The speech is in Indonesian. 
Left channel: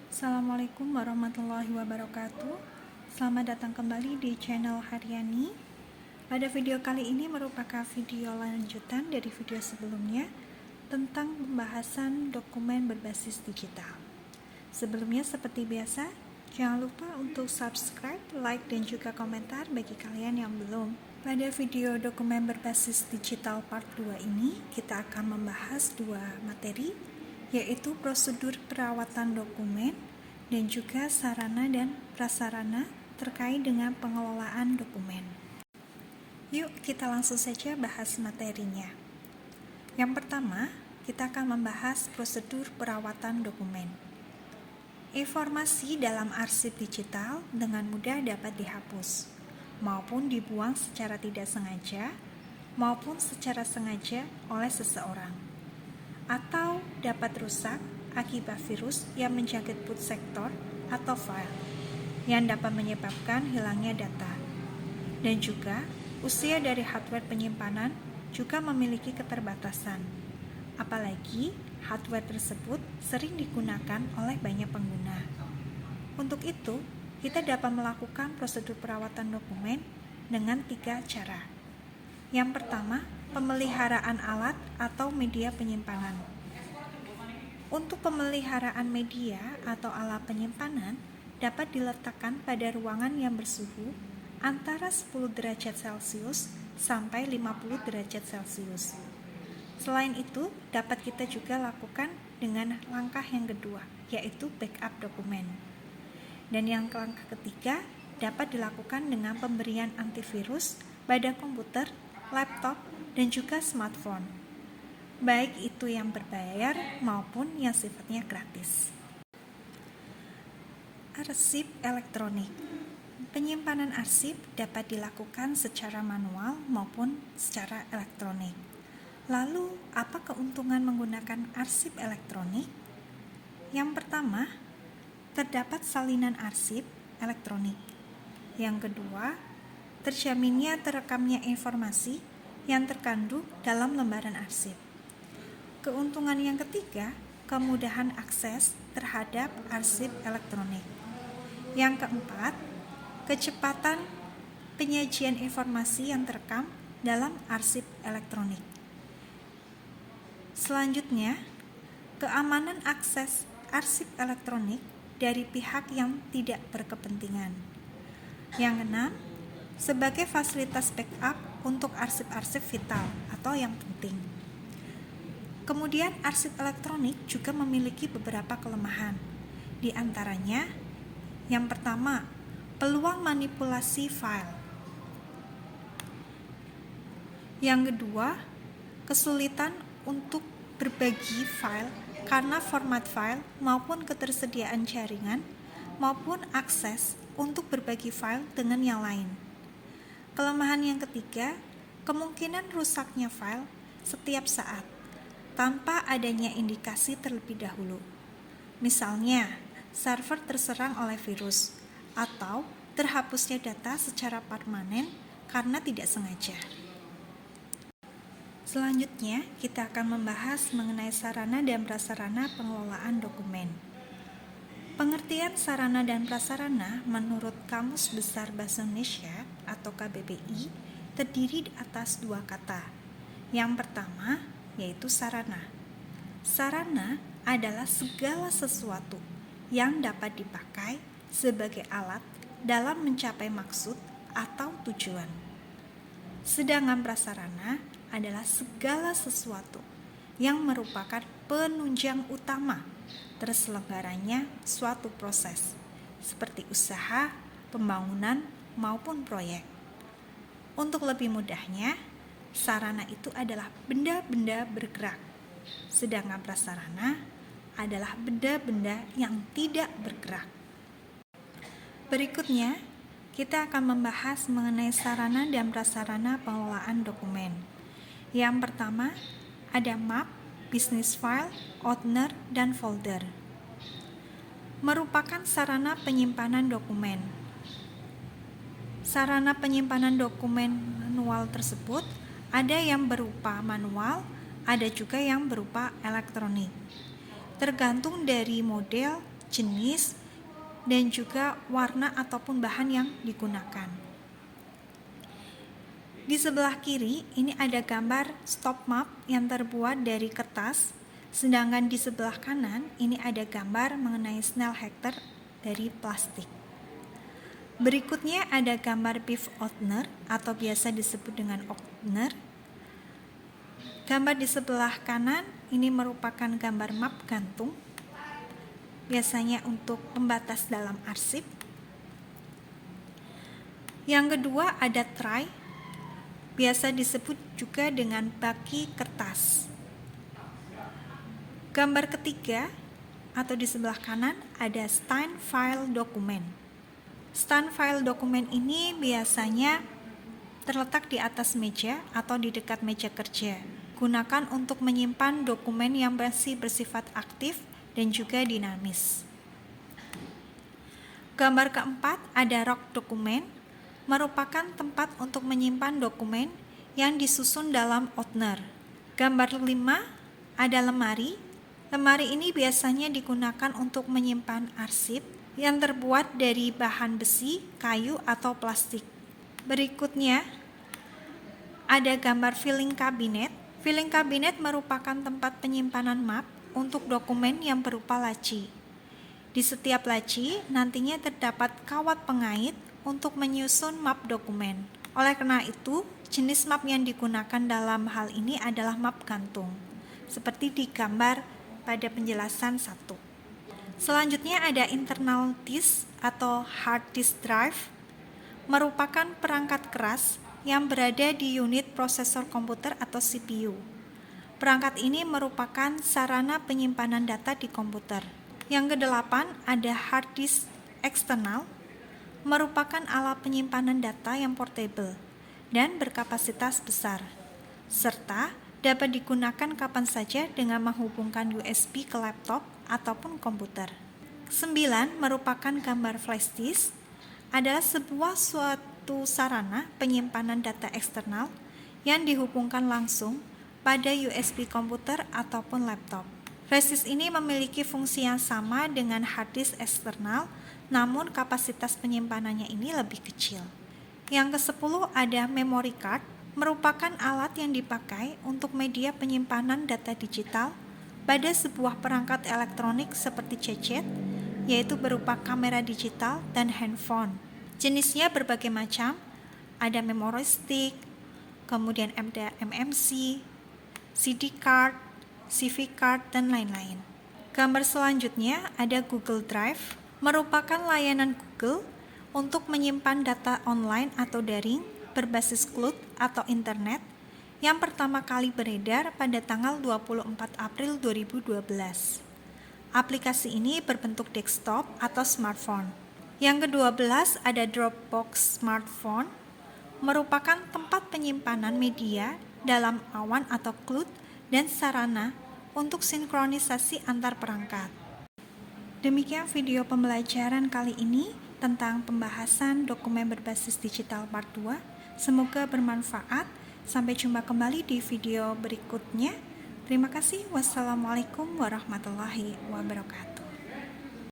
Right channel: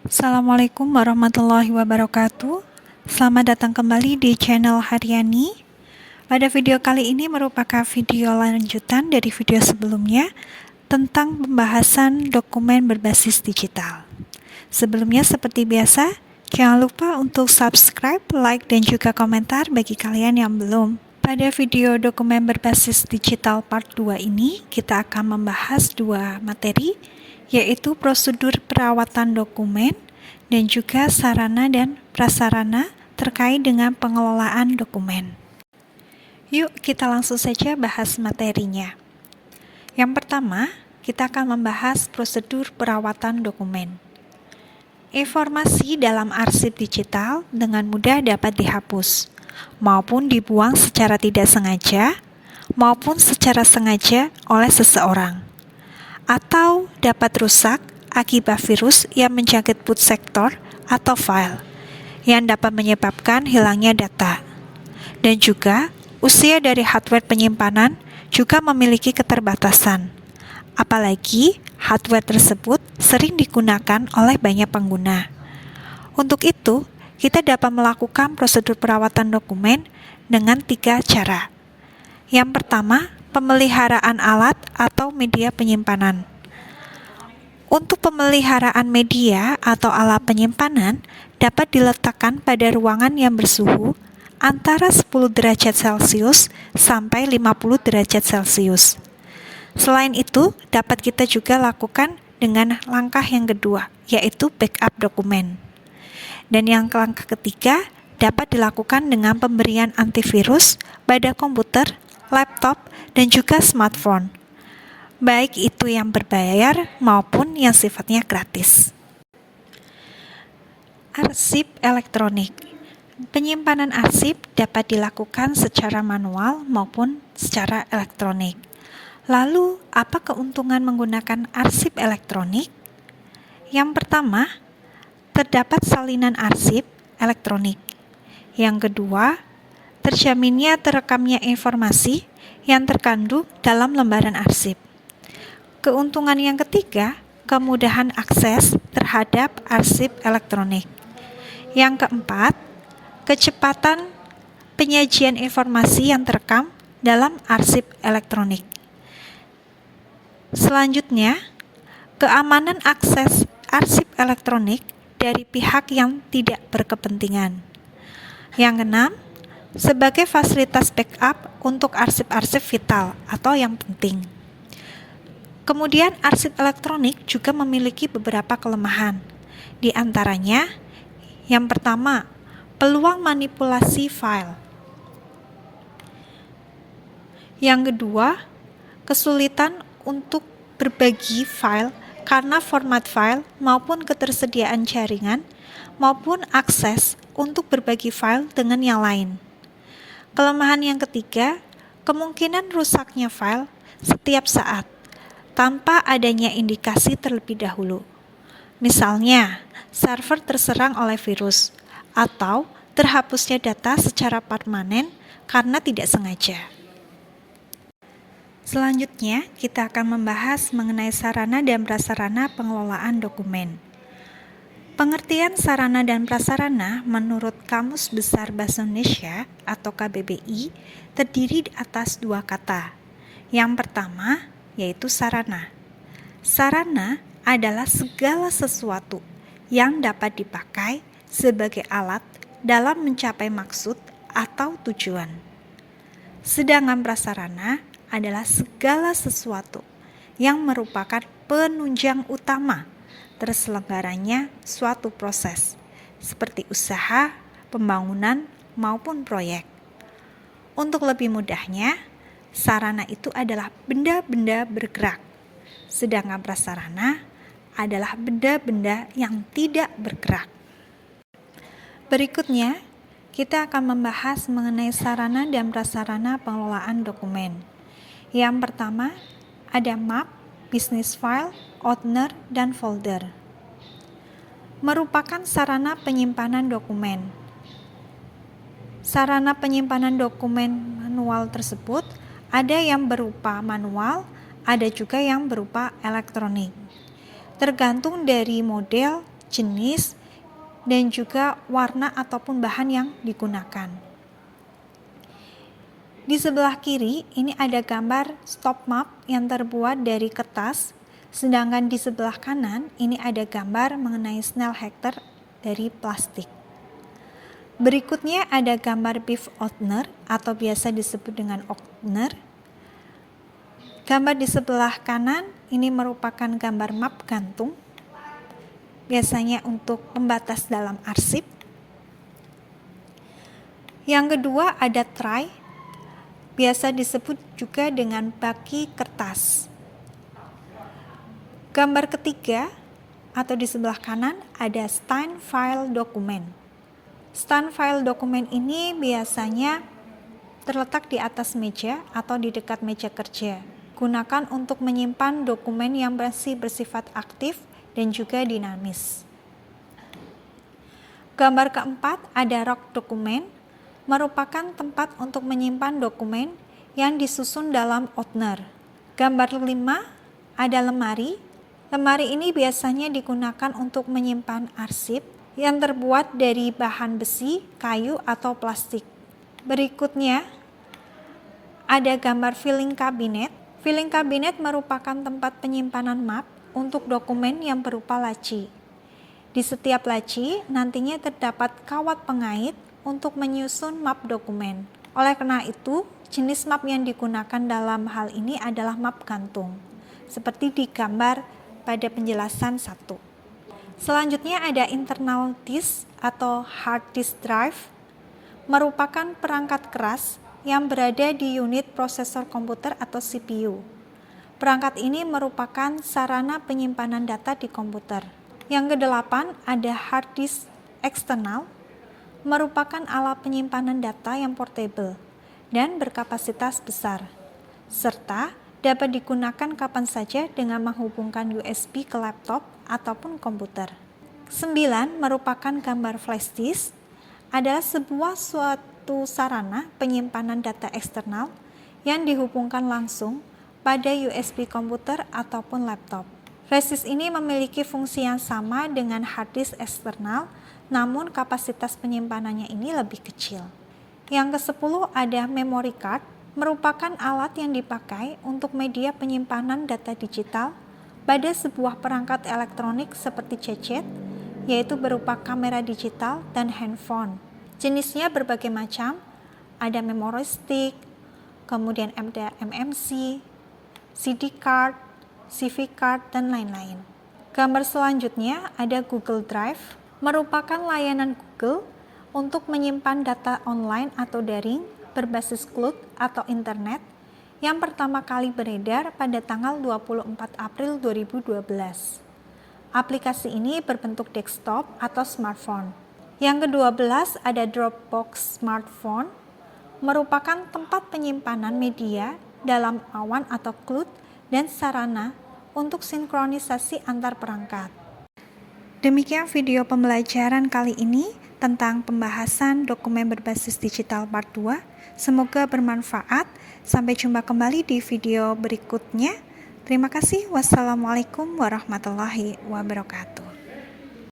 Assalamualaikum warahmatullahi wabarakatuh. Selamat datang kembali di channel Haryani. Pada video kali ini merupakan video lanjutan dari video sebelumnya tentang pembahasan dokumen berbasis digital. Sebelumnya seperti biasa, jangan lupa untuk subscribe, like, dan juga komentar bagi kalian yang belum. Pada video dokumen berbasis digital part 2 ini, kita akan membahas dua materi, yaitu prosedur perawatan dokumen dan juga sarana dan prasarana terkait dengan pengelolaan dokumen. Yuk kita langsung saja bahas materinya. Yang pertama, kita akan membahas prosedur perawatan dokumen. Informasi dalam arsip digital dengan mudah dapat dihapus, maupun dibuang secara tidak sengaja, maupun secara sengaja oleh seseorang, atau dapat rusak akibat virus yang menjangkit boot sektor atau file, yang dapat menyebabkan hilangnya data. Dan juga, usia dari hardware penyimpanan juga memiliki keterbatasan, apalagi hardware tersebut sering digunakan oleh banyak pengguna. Untuk itu, kita dapat melakukan prosedur perawatan dokumen dengan 3 cara. Yang pertama, pemeliharaan alat atau media penyimpanan. Untuk pemeliharaan media atau alat penyimpanan dapat diletakkan pada ruangan yang bersuhu antara 10 derajat Celcius sampai 50 derajat Celcius. Selain itu, dapat kita juga lakukan dengan langkah yang kedua, yaitu backup dokumen. Dan yang langkah ketiga dapat dilakukan dengan pemberian antivirus pada komputer, laptop, dan juga smartphone, baik itu yang berbayar maupun yang sifatnya gratis. Arsip elektronik. Penyimpanan arsip dapat dilakukan secara manual maupun secara elektronik. Lalu, apa keuntungan menggunakan arsip elektronik? Yang pertama, terdapat salinan arsip elektronik. Yang kedua, terjaminnya terekamnya informasi yang terkandung dalam lembaran arsip. Keuntungan yang ketiga, kemudahan akses terhadap arsip elektronik. Yang keempat, kecepatan penyajian informasi yang terekam dalam arsip elektronik. Selanjutnya, keamanan akses arsip elektronik dari pihak yang tidak berkepentingan. Yang keenam, sebagai fasilitas backup untuk arsip-arsip vital atau yang penting. Kemudian arsip elektronik juga memiliki beberapa kelemahan. Di antaranya, yang pertama, peluang manipulasi file. Yang kedua, kesulitan untuk berbagi file karena format file maupun ketersediaan jaringan maupun akses untuk berbagi file dengan yang lain. Kelemahan yang ketiga, kemungkinan rusaknya file setiap saat tanpa adanya indikasi terlebih dahulu. Misalnya, server terserang oleh virus atau terhapusnya data secara permanen karena tidak sengaja. Selanjutnya, kita akan membahas mengenai sarana dan prasarana pengelolaan dokumen. Pengertian sarana dan prasarana menurut Kamus Besar Bahasa Indonesia atau KBBI terdiri atas 2 kata. Yang pertama, yaitu sarana. Sarana adalah segala sesuatu yang dapat dipakai sebagai alat dalam mencapai maksud atau tujuan. Sedangkan prasarana adalah segala sesuatu yang merupakan penunjang utama terselenggaranya suatu proses, seperti usaha, pembangunan, maupun proyek. Untuk lebih mudahnya, sarana itu adalah benda-benda bergerak, sedangkan prasarana adalah benda-benda yang tidak bergerak. Berikutnya, kita akan membahas mengenai sarana dan prasarana pengelolaan dokumen. Yang pertama, ada map, business file, owner, dan folder. Merupakan sarana penyimpanan dokumen. Sarana penyimpanan dokumen manual tersebut ada yang berupa manual, ada juga yang berupa elektronik. Tergantung dari model jenis, dan juga warna ataupun bahan yang digunakan. Di sebelah kiri ini ada gambar stop map yang terbuat dari kertas, sedangkan di sebelah kanan ini ada gambar mengenai snail hector dari plastik. Berikutnya ada gambar beef opener atau biasa disebut dengan opener. Gambar di sebelah kanan ini merupakan gambar map gantung, biasanya untuk pembatas dalam arsip. Yang kedua ada tray, biasa disebut juga dengan baki kertas. Gambar ketiga atau di sebelah kanan ada stand file dokumen. Stand file dokumen ini biasanya terletak di atas meja atau di dekat meja kerja. Gunakan untuk menyimpan dokumen yang masih bersifat aktif dan juga dinamis. Gambar keempat ada rak dokumen, merupakan tempat untuk menyimpan dokumen yang disusun dalam opener. Gambar 5 ada lemari. Lemari ini biasanya digunakan untuk menyimpan arsip yang terbuat dari bahan besi, kayu, atau plastik. Berikutnya ada gambar filing cabinet. Filing cabinet merupakan tempat penyimpanan map untuk dokumen yang berupa laci. Di setiap laci nantinya terdapat kawat pengait untuk menyusun map dokumen. Oleh karena itu, jenis map yang digunakan dalam hal ini adalah map gantung, seperti di gambar pada penjelasan 1. Selanjutnya ada internal disk atau hard disk drive, merupakan perangkat keras yang berada di unit prosesor komputer atau CPU. Perangkat ini merupakan sarana penyimpanan data di komputer. Yang kedelapan ada hard disk eksternal, merupakan alat penyimpanan data yang portable dan berkapasitas besar, serta dapat digunakan kapan saja dengan menghubungkan USB ke laptop ataupun komputer. 9 merupakan gambar flash disk, adalah suatu sarana penyimpanan data eksternal yang dihubungkan langsung pada USB komputer ataupun laptop. Flash disk ini memiliki fungsi yang sama dengan hard disk eksternal, namun kapasitas penyimpanannya ini lebih kecil. Yang ke-10 ada memory card, merupakan alat yang dipakai untuk media penyimpanan data digital pada sebuah perangkat elektronik seperti gadget, yaitu berupa kamera digital dan handphone. Jenisnya berbagai macam, ada memory stick, kemudian MMC, CD card, CV card, dan lain-lain. Gambar selanjutnya ada Google Drive, merupakan layanan Google untuk menyimpan data online atau daring berbasis cloud atau internet yang pertama kali beredar pada tanggal 24 April 2012. Aplikasi ini berbentuk desktop atau smartphone. Yang ke-12 ada Dropbox Smartphone, merupakan tempat penyimpanan media dalam awan atau cloud dan sarana untuk sinkronisasi antar perangkat. Demikian video pembelajaran kali ini tentang pembahasan dokumen berbasis digital part 2. Semoga bermanfaat. Sampai jumpa kembali di video berikutnya. Terima kasih. Wassalamualaikum warahmatullahi wabarakatuh.